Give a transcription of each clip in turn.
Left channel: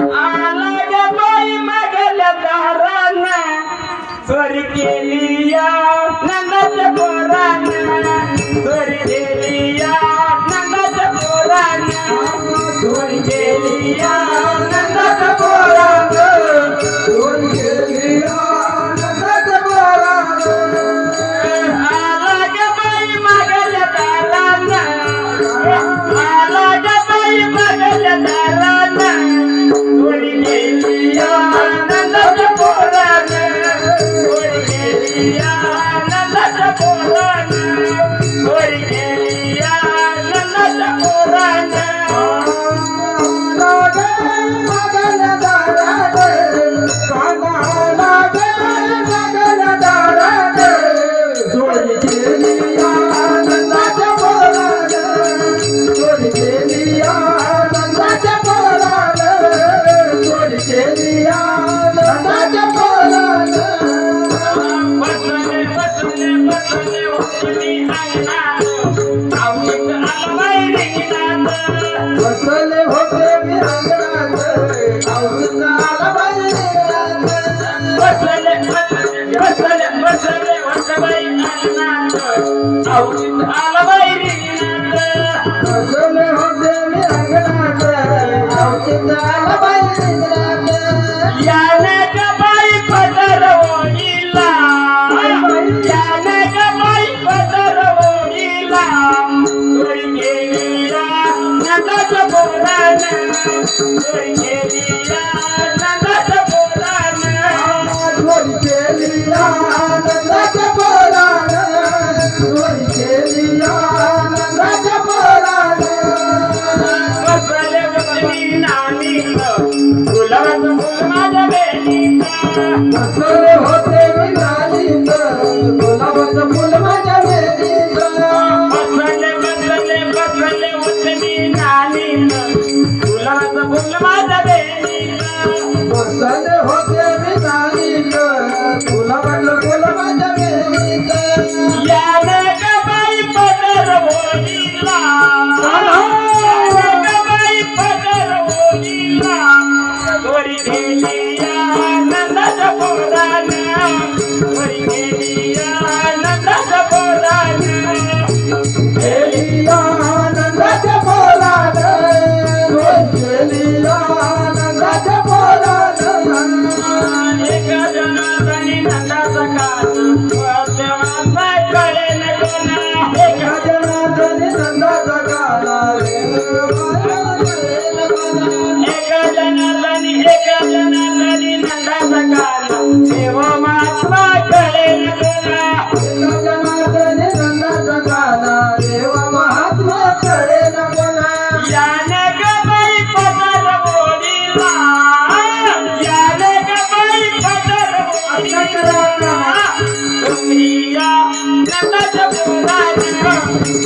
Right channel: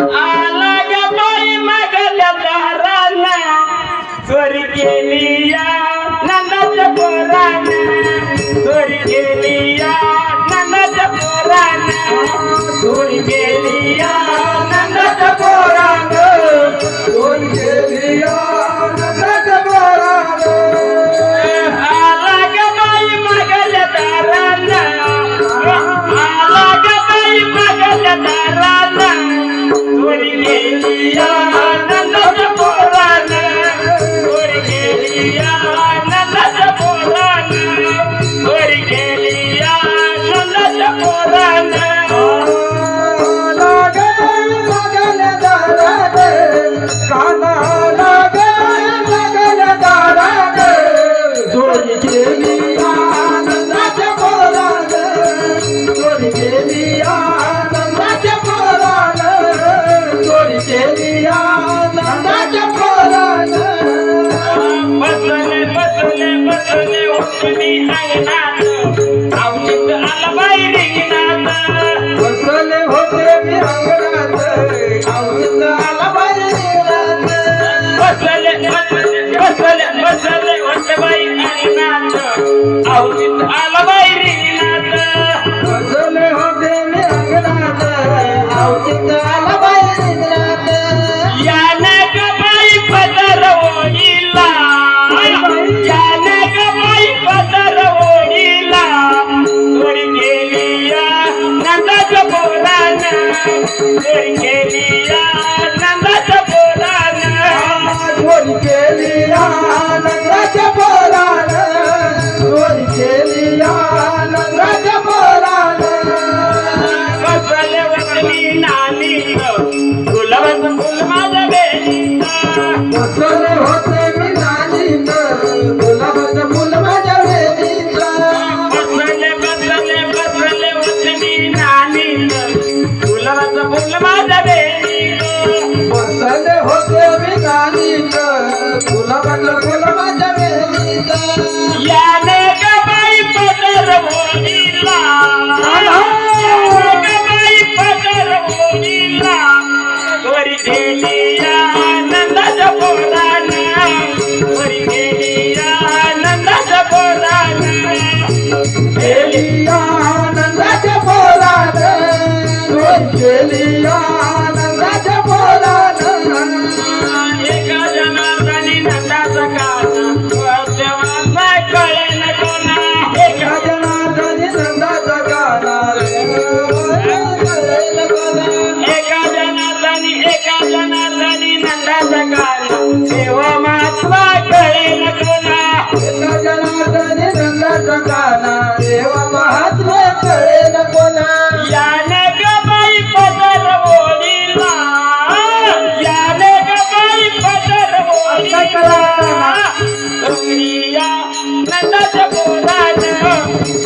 आला ग बाई मागल्या दाराना चोरी केली या नंदाच्या पोराना चोरी केली या नंदाच्या पोराना चोरी केली या नंदाच्या पोराना चोरी केली या नंदाच्या पोराना आला ग बाई मागल्या दाराना आला ग बाई मागल्या दाराना चोरी केली या नंदाच्या पोराना चोरी केली या नंदाच्या पोराना चोरी केली या नंदाच्या पोराना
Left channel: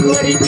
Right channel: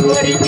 What